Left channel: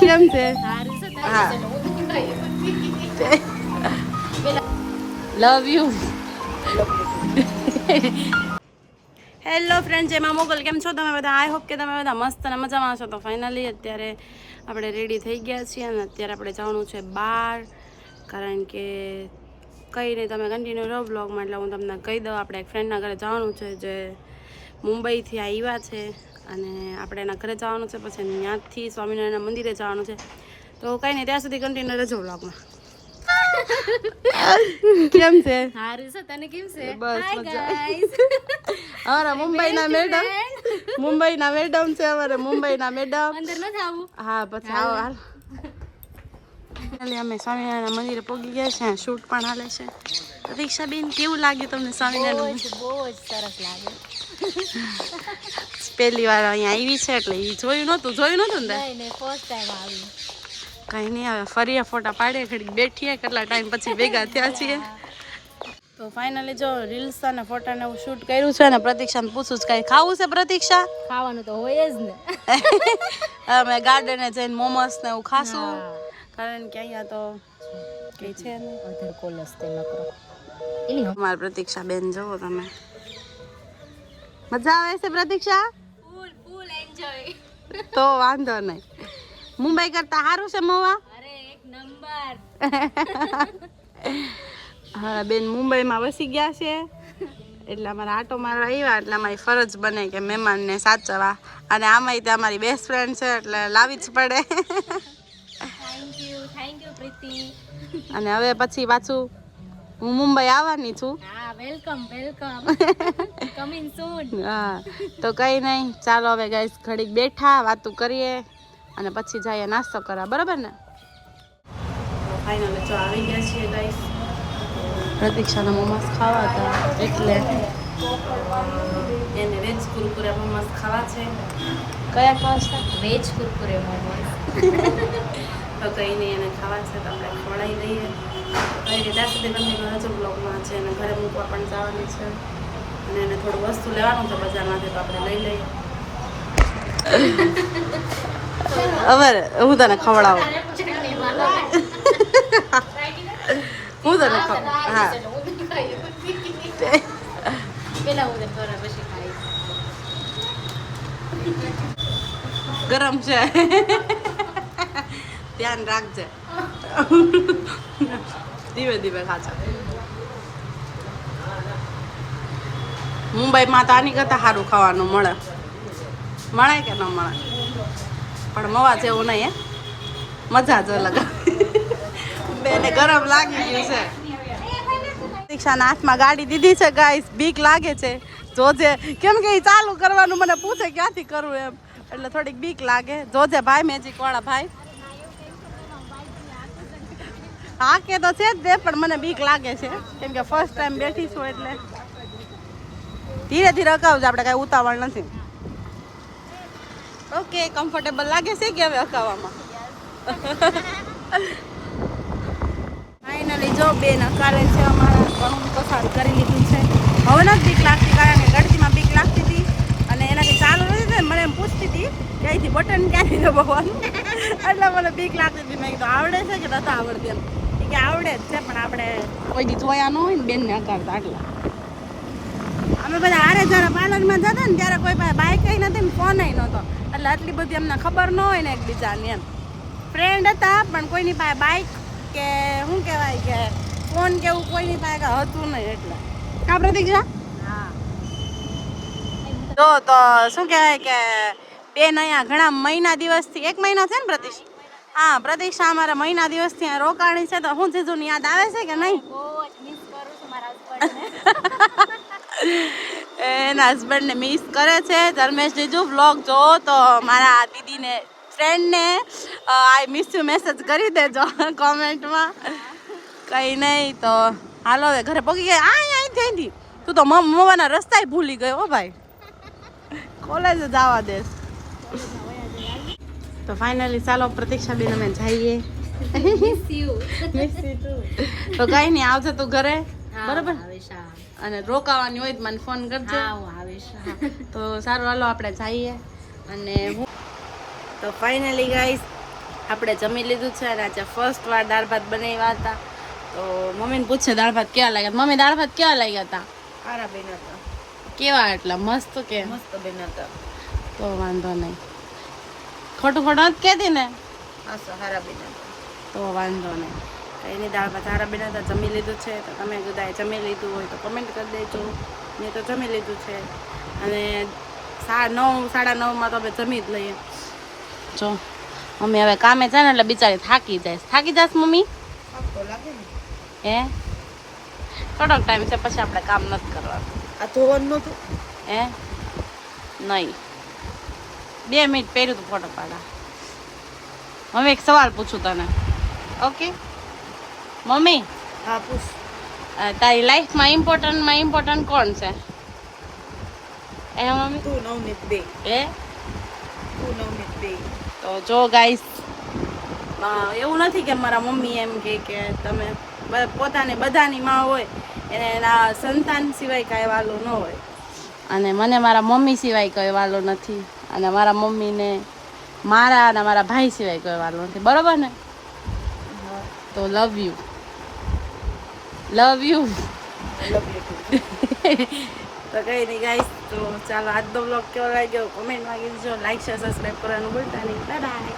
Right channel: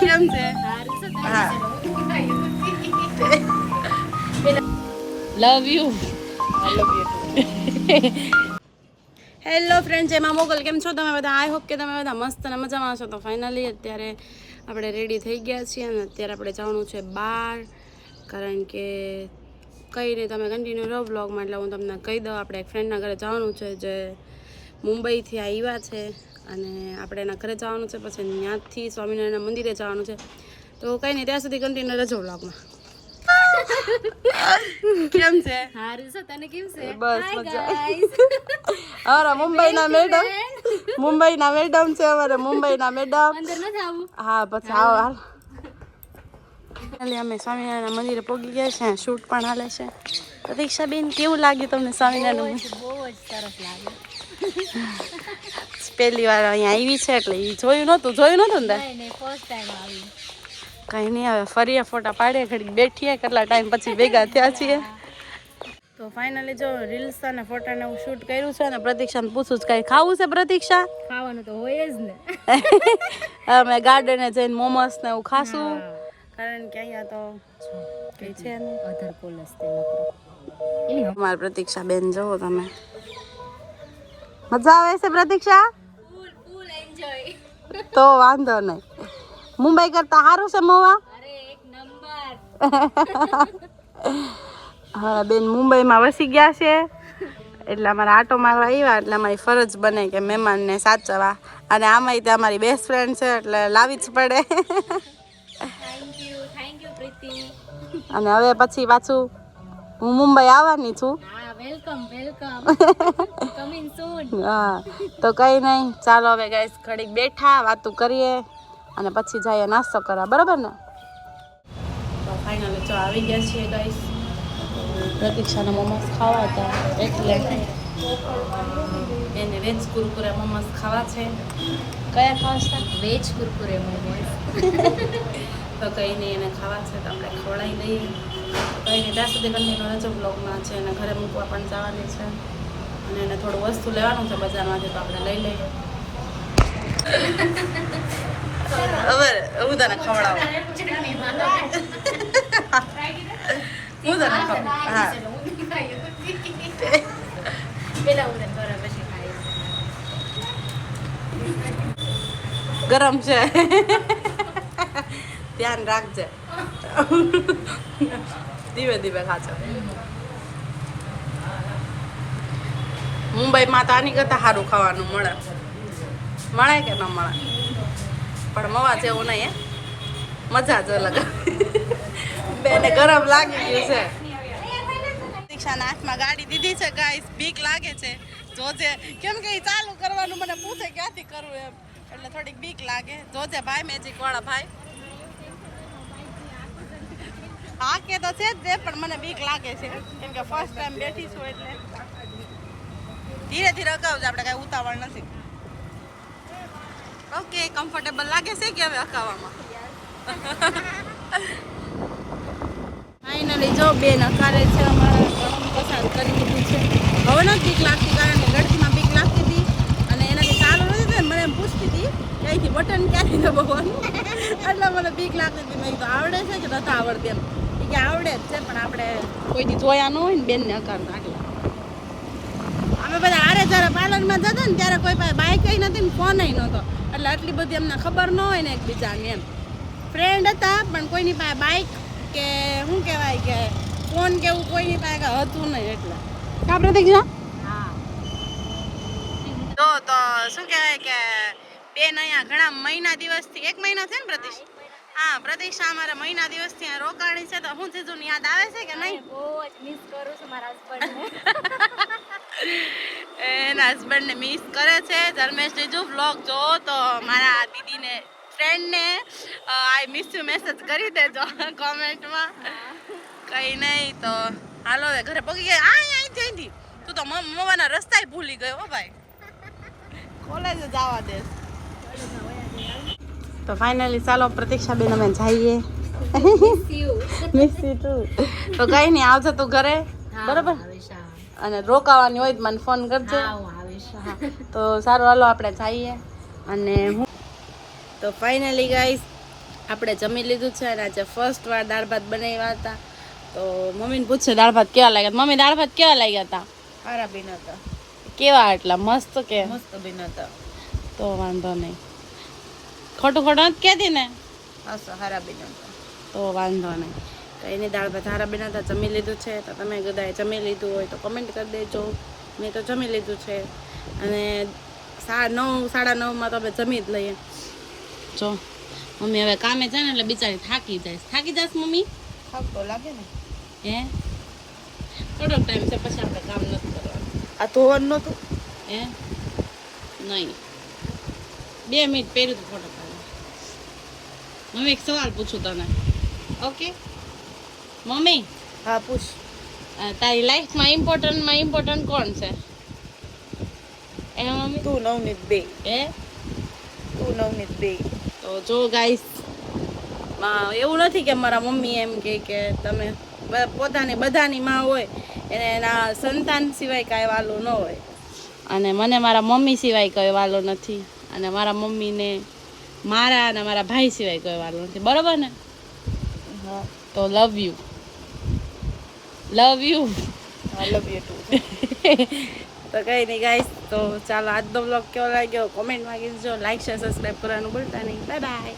કેમ છે હા લવ યુ હેલો ફ્રેન્ડ જેમાં મોગલ કેમ છો તમે બધા? આઈ હોપ કે તમે બધા મસ્ત અને મજામાં છો તો ફાઇનલી અત્યારે આપણે રેડી થઈ ગયા છીએ અને અત્યારે આપણે જવાનું છે બહાર કારણ કે કંઈ નહીં, તમે કન્ટિન્યુ રહો બ્લોગમાં એટલે હું તમને કહી દઉં, આપણે એક ફ્રેન્ડના ઘરે જવાનું છે જે મુંબઈથી આવ્યા છે અને આપણે એના ઘરે જવાનું છે પછી ત્યાંથી સ્વામિનારાયણ મંદિરે જવાનું છે. તો કંઈ નહીં ત્યાં સુધી કન્ટિન્યુ રહેજો વ્લોગમાં. કેમ છે? સારું છે તને કેમ છે? બસ મજા. અમારા મુંબઈના મેડમ મુંબઈના મેડમ છે અમારે મુંબઈના મેડમ અંદર ન જાવું હા પછી આવો હાલ. એટલે અમે સ્વામિનારાયણ મંદિરે પહોંચી ગયા છે શૂટ પણ હાલે છે. પ્રતીક્ષાબેન કેવું લાગ્યું તમને સ્વામિનારાયણ બહુ જ સરસ લાગે. પહેલી વાર અહીંયા આવી છે એટલે એ જોયું નહોતું જોયું નહોતું ને? ફર્સ્ટ ટાઈમ આવી. કંઈ નહીં હવે ફરીએ ફોટા પાડીએ ઘડી બેઠીએ કેટલા ટાઈમ પછી ભેગા થયા છીએ. તો ફાઇનલી જો રીલ્સ અને ફોટા ને હું શૂટ કર્યું છે ને પ્રતીક્ષાને પૂછું જ કઈ ખાવું છે પ્રતીક્ષા? ખાવાનું તો હોય જ ને. અમે ગાર્ડને જઈને મોમોસ ને એવું ખાશું. કારણ કે અહીંયા તો કે છે ને વધારે કોલસ તે નકરો અમાર પ્રતીક્ષા બેન જોવો તમે મજા આવે છે પ્રતીક્ષા ફૂલ ફૂલ એન્જોય તો વાંધો નહીં મુંબઈ કરતા સારું છે મોવા અરે એક નંબર હા બેન મુંબઈમાં વસી ગયા છે એટલે અમારે આટો મારવા આવ્યા એટલે અમારી ફરજ બને કે મહેમાનને સાચવવા અને આમાંય તે અમારી બેસ્ટ ફ્રેન્ડ છે એટલે લાવી જ પડે thank you thank you Priti અને હવે પછી પાછું હું મુંબઈ આવવાની છું. હા વેલકમ વેલકમ કમિંગ સૂન હા તો કંઈ નહીં ચાલો હવે ગાઈસ ઘડીક બેઠા વાતું કરીએ અને પછી જઈએ નાસ્તો કરવા બરાબર ને? ફાઇનલ જો આવી ગયા છીએ ગાઈસ પ્રતીક્ષાના મોમોસ ખાવા હતા એટલે. એને વેજ કુરકુરે મોમોસ ખાવા છે. કયા ખાવા છે? વેજ કુરકુરે મોમોસ. તો કંઈ નહીં, એને ખાવા છે તો આપણે ખવડાવી દઈએ કંઈ નહીં ત્યાં સુધી કન્ટિન્યુ રહેજો બ્લોગમાં છે એને ઘરે મૂકવા પણ જવાની છે. અને એને થોડું વસ્તુ લેવાનું છે બજારમાંથી તો આપણે લઈ લઈએ. હવે હું તને ખવડાવું? હું તને ખવ, હા. પેલા હું બરાબર પછી ખાઈ ગરમ છે. ધ્યાન રાખજે. ધીમે ધીમે ખાજો. મુંબઈમાં તો આની કરતાં સારું ખાવાનું મળે. મળે કે ન મળે? પણ મવા જેવું નહીં મજા જ અલગ. બેને ગરમ લાગી ગયું છે. દીક્ષાના હાથમાં ગાડી દીધી છે ગાઈસ બીક લાગે છે. જોજે. કેમ કે એ ચાલુ કરવાનું મને પૂછે ક્યાંથી કરવું એમ. એટલે થોડીક બીક લાગે. જોજે ભાઈ મેજિક વાળા ભાઈ. હા કે તો છે જ તે પણ મને બીક લાગે છે. કેમ કે ફર્સ્ટ ટાઈમ બેઠી છું એટલે. ધીરે ધીરે અકાવજો આપણે કાંઈ ઉતાવળ નથી. ઓકે કમ્ફર્ટેબલ લાગે છે કે હવે અકાવવામાં ફાઇનલી જો બેન અકારે છે અમારા ઘઉં પસાર કરી દીધી છે. હવે નથી બીક લાગતી, કારણ કે ગળતીમાં બીક લાગતી હતી અને એનાથી ચાલુ નથી થયું. મને એમ પૂછતી હતી કે બટન ક્યાંથી દબાવવાનું? એટલે મને બીક લાગતી હતી. મેં કીધું, આવડે છે કે નથી આવડતી એમ? એ કે આવડે જ છે પણ આપણે કોઈ દી જોયા ન હોય ને બેનને અકારતા આટલા. અમે બધા આરે જ્યારે પાર્લરમાં જતા ને ત્યારે કોઈ પાસે બાઇક નથી ને ફોન નહોતો. એટલે આટલી બધી અમને ખબર ન હોય ને એકબીજાની એમ. ફ્રેન્ડ હતા પણ કોઈની પાસે બાઇક કે શું કહેવાય કે ફોન કે એવું કોઈની પાસે હતું નહીં એટલે. કા પ્રતિક હા. તો તો શું કહેવાય કે બેન અહીંયા ઘણા મહિના દિવસથી એક મહિના છે ને પ્રતિક્ષ હા પ્રતીક્ષા અમારા મહિના દિવસથી અહીંયા રોકાણી છે તો હું જીજુ ની યાદ આવે છે કે નહીં? બહુ મિસ કરું છું મારા હસબન્ડને એના હસબન્ડને મિસ કરે છે. ધર્મેશ જીજુ વ્લોગ જો તો મારા દીદીને ફ્રેન્ડને આઈ મિસ યુ મેસેજ કરી દેજો કોમેન્ટમાં. કંઈ નહીં તો હાલો હવે ઘરે પગી ગયા. આ અહીંથી અહીંથી તું તો મમ્માના રસ્તાય ભૂલી ગયો હો ભાઈ. કોલેજ જવા દેશ તો ફાઇનલી ચાલો પ્રતીક્ષાબેન અમે જઈએ. તું તો કઈ નહીં આવશે તું ઘરે. બરોબર? અને રોકાવાની હોય તો મને ફોન કરજો. તો સારું હાલો આપણે જઈએ. અને તો ફાઇનલી ગાઈસ આપણે જમી લીધું છે અને આજે ફર્સ્ટ વાર દાળ ભાત બનાવ્યા હતા. તો મમ્મીને પૂછશે દાળ ભાત કેવા લાગ્યા? મમ્મી દાળ ભાત કેવા લાગ્યા હતા સારા બેન હતા. કેવા એટલા? મસ્ત કે? મસ્ત બેન હતા. તો વાંધો નહીં. ખોટું ખોટું નથી કહેતી ને? હા હારા બેન તો વાંધો નહીં. કંઈ નહીં દાળ ભાત સારા બેન હતા જમી લીધું છે. તો તમે કદાચ જમી લીધું હોય તો કમેન્ટ કરી દેજો. મેં તો જમી લીધું છે. અને સા નવ સાડા નવમાં તો અમે જમી જ લઈએ. જો મમ્મી હવે કામે છે ને એટલે બિચારી થાકી જાય. થાકી જાશ મમ્મી? થાક તો લાગે ને? હે? થોડોક ટાઈમ છે પછી આપણે કામ નથી કરવાનું. આ ધોવાનું નહોતું? હે? નહીં. બે મિનિટ પહેર્યું તું ફોટો પાડા મમ્મી એક સવાલ પૂછું તને. Okay mummy? હા પૂછ. તારી લાઈફમાં ઇમ્પોર્ટન્ટમાં ઇમ્પોર્ટન્ટ કોણ છે? એ મમ્મી. તું નવનીત બે. હે? તું નવનીત બે. તો જો ગાઈસ એવું નથી કે મારા મમ્મી એમ કે કે તમે પોતાને બધાની માં હોય એને એના સંતાન સિવાય કાંઈ વાલો ન હોય. અને મને મારા મમ્મી સિવાય કોઈ વાલો નથી. અને મારા મમ્મીને મારા અને મારા ભાઈ સિવાય કોઈ વાલો નથી. બરોબર ને? તો love you love you love you તો કઈ નહીં ગાઈસ તો ચાલો આજનો બ્લોગ કેવો લાગ્યો? કોમેન્ટમાં કીધું લાઈક શેર સબસ્ક્રાઈબ કરવાનું ભૂલતા નહીં. Bye bye